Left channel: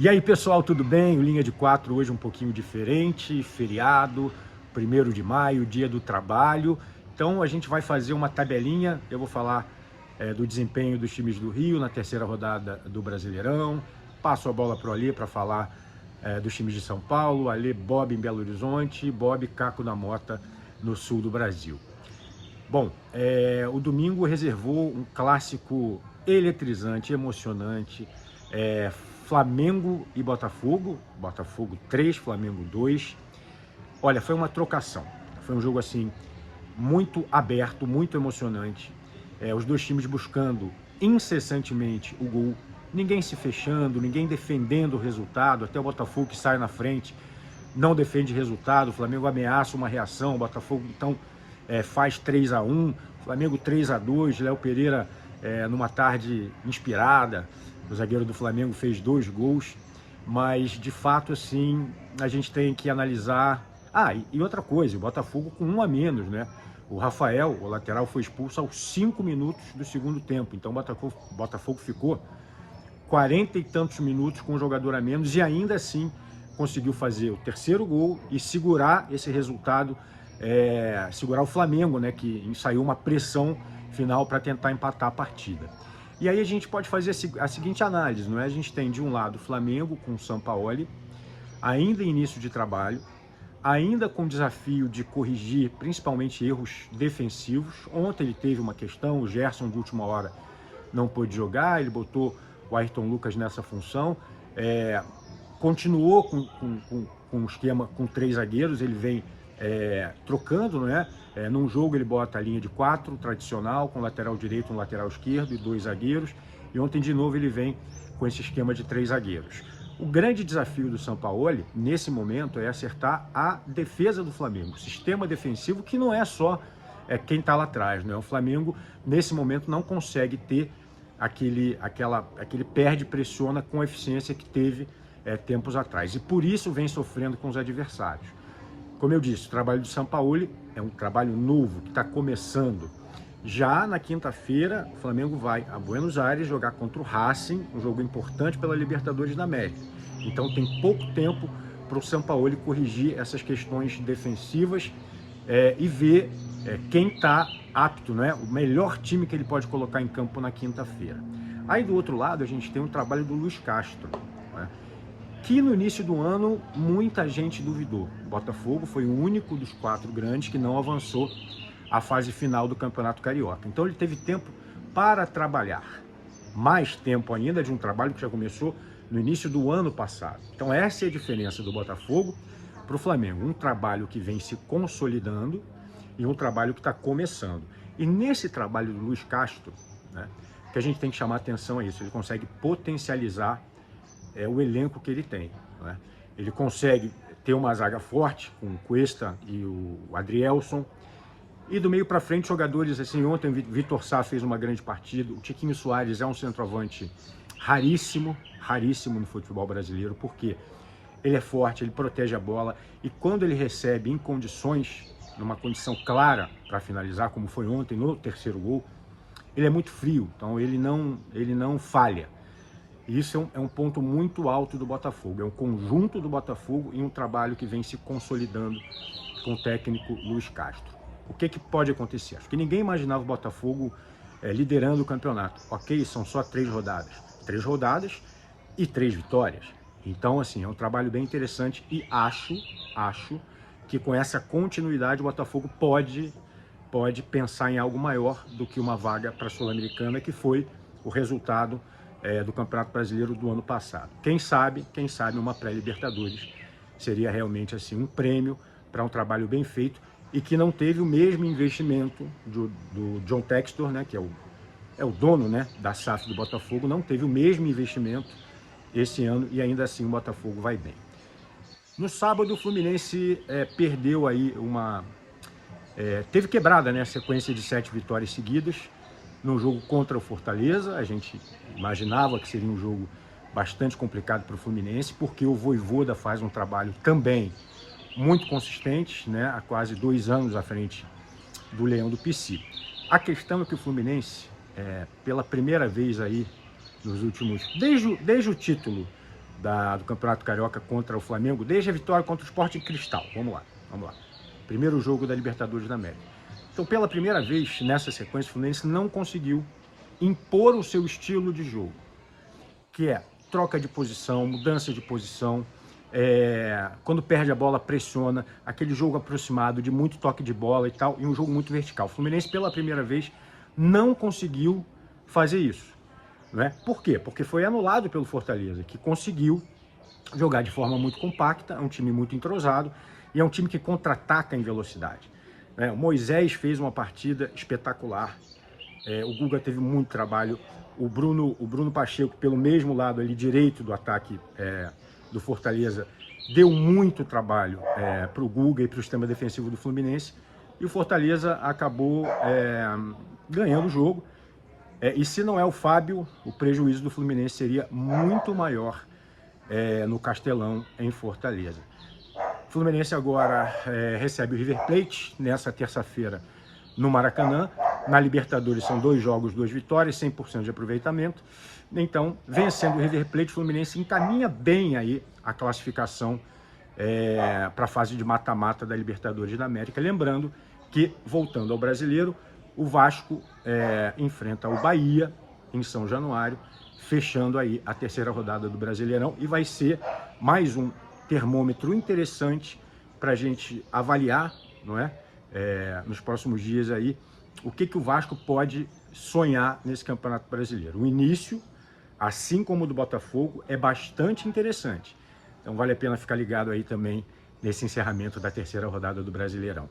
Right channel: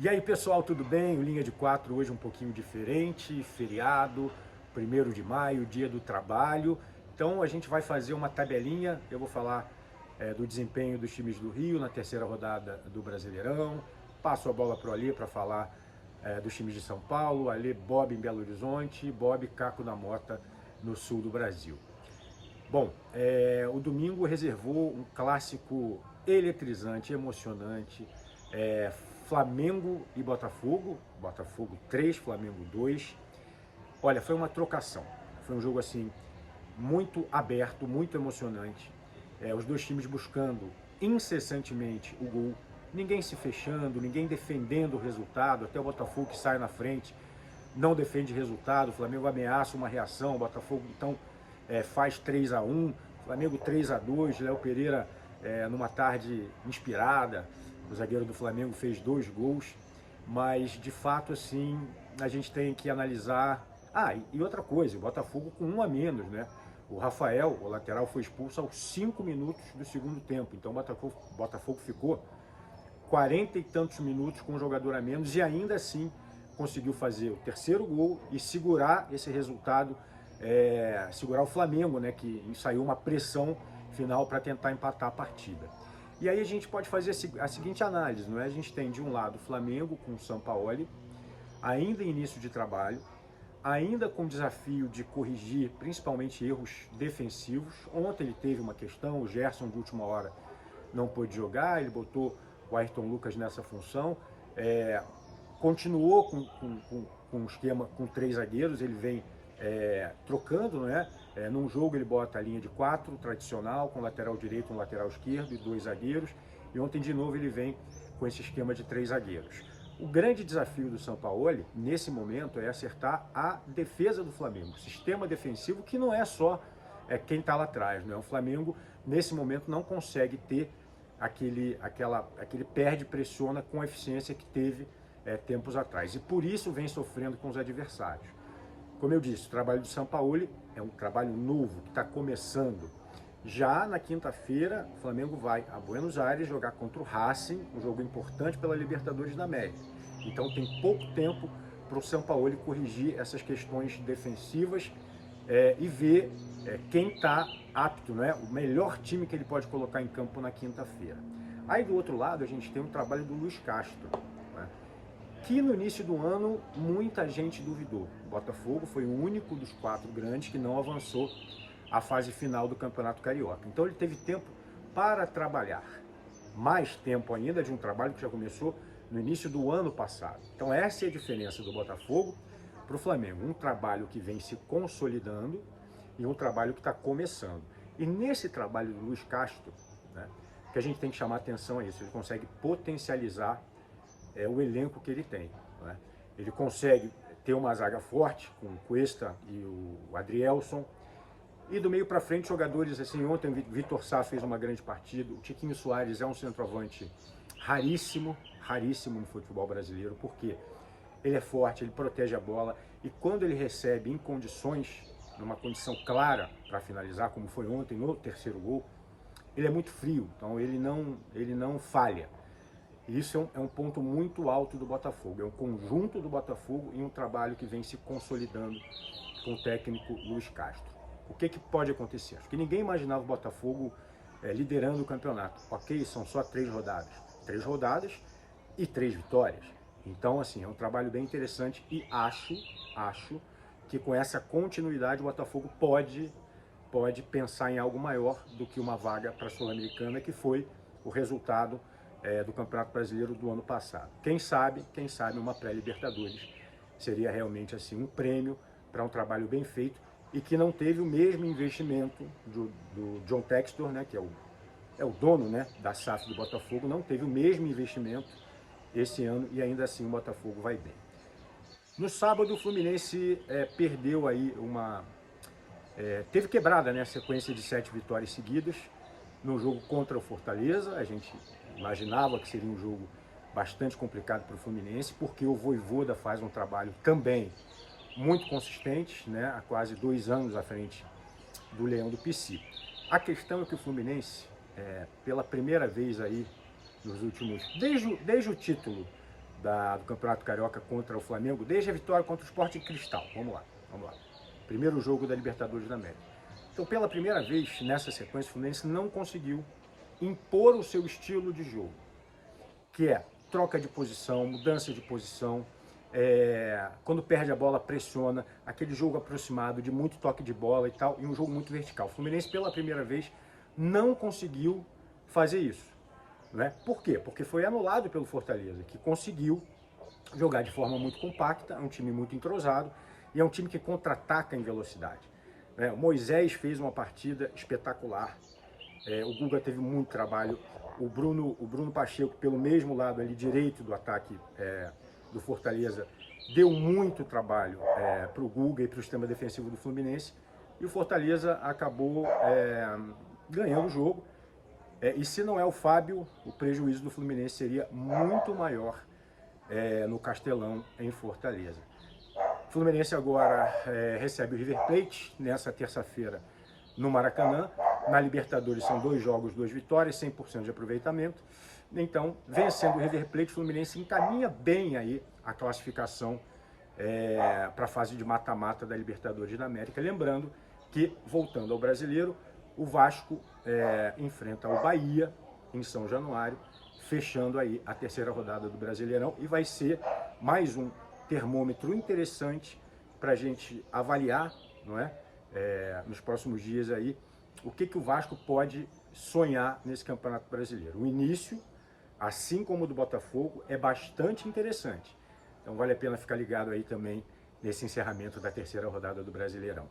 E aí, pessoal, tudo bem? O Linha de 4 hoje um pouquinho diferente, feriado, 1º de maio, dia do trabalho. Então a gente vai fazer uma tabelinha, eu vou falar do desempenho dos times do Rio na terceira rodada do Brasileirão. Passo a bola para o Alê para falar dos times de São Paulo, Alê, Bob em Belo Horizonte, Bob, Caco da Mota no sul do Brasil. Bom, o domingo reservou um clássico eletrizante, emocionante, Flamengo e Botafogo, Botafogo 3, Flamengo 2. Olha, foi uma trocação, foi um jogo assim muito aberto, muito emocionante, os dois times buscando incessantemente o gol, ninguém se fechando, ninguém defendendo o resultado, até o Botafogo que sai na frente não defende resultado, o Flamengo ameaça uma reação, o Botafogo então faz 3-1, Flamengo 3-2, Léo Pereira numa tarde inspirada, o zagueiro do Flamengo fez 2 gols, mas de fato assim, a gente tem que analisar. E outra coisa, o Botafogo com 1 a menos, né? O Rafael, o lateral, foi expulso aos 5 minutos do segundo tempo, então o Botafogo ficou 40 e tantos minutos com um jogador a menos e ainda assim conseguiu fazer o terceiro gol e segurar esse resultado, segurar o Flamengo, né, que ensaiou uma pressão final para tentar empatar a partida. E aí a gente pode fazer a seguinte análise, não é? A gente tem de um lado o Flamengo com o Sampaoli, ainda em início de trabalho, ainda com o desafio de corrigir principalmente erros defensivos. Ontem ele teve uma questão, o Gerson de última hora não pôde jogar, ele botou o Ayrton Lucas nessa função, continuou com um esquema com 3 zagueiros, ele vem trocando, né? Num jogo ele bota a linha de 4, tradicional, com lateral direito, um lateral esquerdo e 2 zagueiros, e ontem de novo ele vem com esse esquema de 3 zagueiros. O grande desafio do Sampaoli, nesse momento, é acertar a defesa do Flamengo, o sistema defensivo, que não é só quem está lá atrás, né? O Flamengo, nesse momento, não consegue ter aquele perde, pressiona com a eficiência que teve tempos atrás. E por isso vem sofrendo com os adversários. Como eu disse, o trabalho do Sampaoli é um trabalho novo, que está começando. Já na quinta-feira, o Flamengo vai a Buenos Aires jogar contra o Racing, um jogo importante pela Libertadores da América. Então tem pouco tempo para o Sampaoli corrigir essas questões defensivas e ver quem está apto, né? O melhor time que ele pode colocar em campo na quinta-feira. Aí do outro lado a gente tem o trabalho do Luiz Castro, né? Que no início do ano muita gente duvidou. O Botafogo foi o único dos 4 grandes que não avançou à fase final do Campeonato Carioca. Então ele teve tempo para trabalhar. Mais tempo ainda de um trabalho que já começou no início do ano passado. Então essa é a diferença do Botafogo para o Flamengo. Um trabalho que vem se consolidando e um trabalho que está começando. E nesse trabalho do Luiz Castro, né, que a gente tem que chamar atenção a isso, ele consegue potencializar o elenco que ele tem, né? Ele consegue ter uma zaga forte com o Cuesta e o Adrielson, e do meio para frente jogadores assim. Ontem o Vitor Sá fez uma grande partida, o Tiquinho Soares é um centroavante raríssimo no futebol brasileiro, porque ele é forte, ele protege a bola, e quando ele recebe em condições, numa condição clara para finalizar, como foi ontem no terceiro gol, ele é muito frio, então ele não falha. E isso é um ponto muito alto do Botafogo, é um conjunto do Botafogo e um trabalho que vem se consolidando com o técnico Luiz Castro. O que pode acontecer? Acho que ninguém imaginava o Botafogo liderando o campeonato. Ok, são só 3 rodadas. 3 rodadas e 3 vitórias. Então, assim, é um trabalho bem interessante e acho que com essa continuidade o Botafogo pode pensar em algo maior do que uma vaga para a Sul-Americana, que foi o resultado do Campeonato Brasileiro do ano passado. Quem sabe uma pré-Libertadores seria realmente assim um prêmio para um trabalho bem feito e que não teve o mesmo investimento do John Textor, né, que é o dono, né, da SAF do Botafogo, não teve o mesmo investimento esse ano e ainda assim o Botafogo vai bem. No sábado o Fluminense perdeu aí teve quebrada, né, a sequência de 7 vitórias seguidas no jogo contra o Fortaleza. A gente imaginava que seria um jogo bastante complicado para o Fluminense, porque o Vojvoda faz um trabalho também muito consistente, né, há quase 2 anos à frente do Leão do Pici. A questão é que o Fluminense, pela primeira vez aí nos últimos, desde o título do Campeonato Carioca contra o Flamengo, desde a vitória contra o Sport Cristal. Vamos lá. Primeiro jogo da Libertadores da América. Então, pela primeira vez nessa sequência, o Fluminense não conseguiu impor o seu estilo de jogo, que é troca de posição, mudança de posição, quando perde a bola pressiona, aquele jogo aproximado de muito toque de bola e tal, e um jogo muito vertical. O Fluminense, pela primeira vez, não conseguiu fazer isso. Né? Por quê? Porque foi anulado pelo Fortaleza, que conseguiu jogar de forma muito compacta, é um time muito entrosado e é um time que contra-ataca em velocidade. Né? O Moisés fez uma partida espetacular, o Guga teve muito trabalho, o Bruno Pacheco, pelo mesmo lado ali direito do ataque do Fortaleza, deu muito trabalho para o Guga e para o sistema defensivo do Fluminense, e o Fortaleza acabou ganhando o jogo. E se não é o Fábio, o prejuízo do Fluminense seria muito maior no Castelão, em Fortaleza. O Fluminense agora recebe o River Plate nessa terça-feira no Maracanã. Na Libertadores são 2 jogos, 2 vitórias, 100% de aproveitamento. Então, vencendo o River Plate, o Fluminense encaminha bem aí a classificação para a fase de mata-mata da Libertadores da América. Lembrando que, voltando ao Brasileiro, o Vasco enfrenta o Bahia em São Januário, fechando aí a terceira rodada do Brasileirão, e vai ser mais um termômetro interessante para a gente avaliar, não é? Nos próximos dias aí, o que o Vasco pode sonhar nesse Campeonato Brasileiro. O início, assim como o do Botafogo, é bastante interessante. Então vale a pena ficar ligado aí também nesse encerramento da terceira rodada do Brasileirão.